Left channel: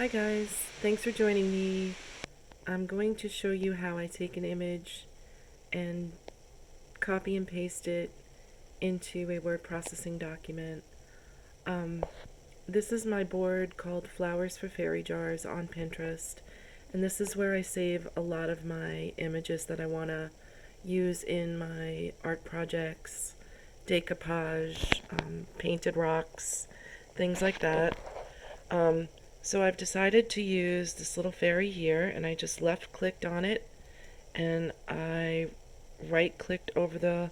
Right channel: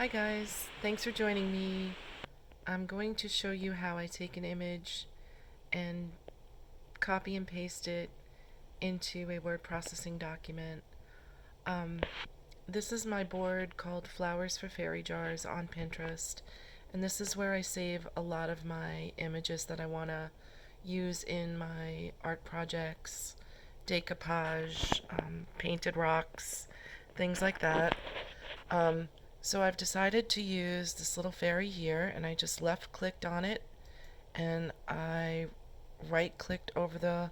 Hi guys, thanks for joining me. I'm going to show you how I take an image and copy and paste it into a word processing document. Um, this is my board called Flowers for Fairy Jars on Pinterest, and this is where I save a lot of my images that I want to use in my art projects, decoupage, painted rocks, things like that. Um, so I've decided to use this little fairy here, and I just left clicked on it, and I right clicked over the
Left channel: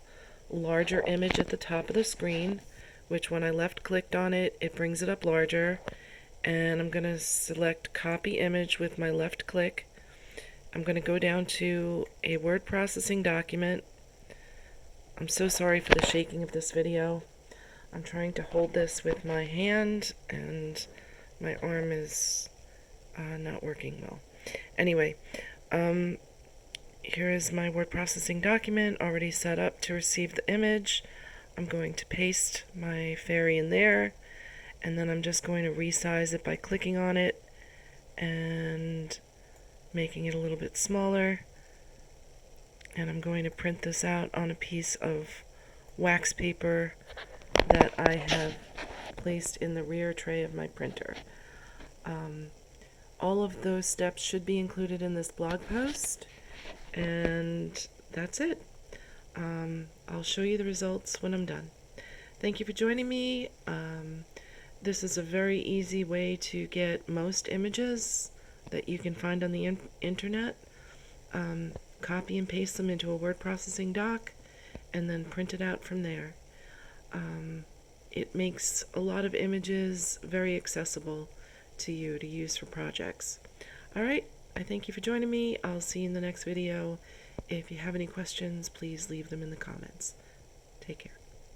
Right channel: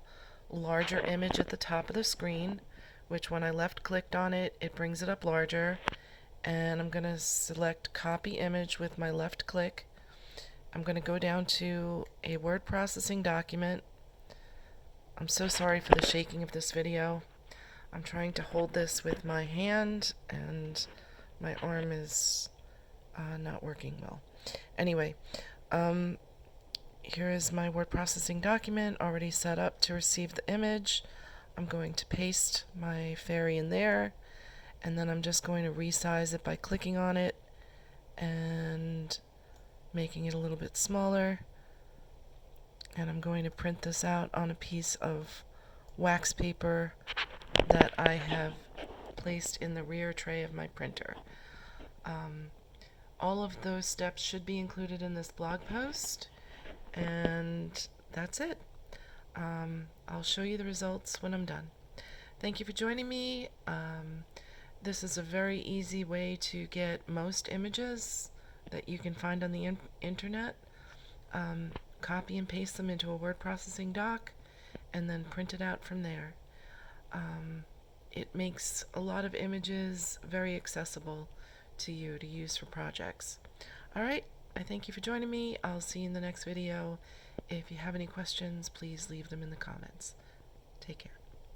larger image at the top of the screen, which when I left clicked on it, it brings it up larger. And I'm going to select copy image with my left click. I'm going to go down to a word processing document. I'm so sorry for the shaking of this video. I'm trying to hold this with my hand and my arm is not working well. Anyway, here is my word processing document already set up to receive the image. I'm going to paste my fairy in there, and then I'm just going to resize it by clicking on it and making it a little bit smaller. And I'm going to print this out on a piece of wax paper that I have placed in the rear tray of my printer. All of those steps should be included in this blog post, and that's it. I'll show you the results when I'm done. Thank you for joining me. This is a very easy way to get most images that you can find on the internet. Copy and paste them into a word processing doc and then print it out from there. It makes a lot of images very accessible to you to use for projects. Alright, I thank you for joining me. I'll see you in the next video. If you have any questions, please leave them in the comments. Take care.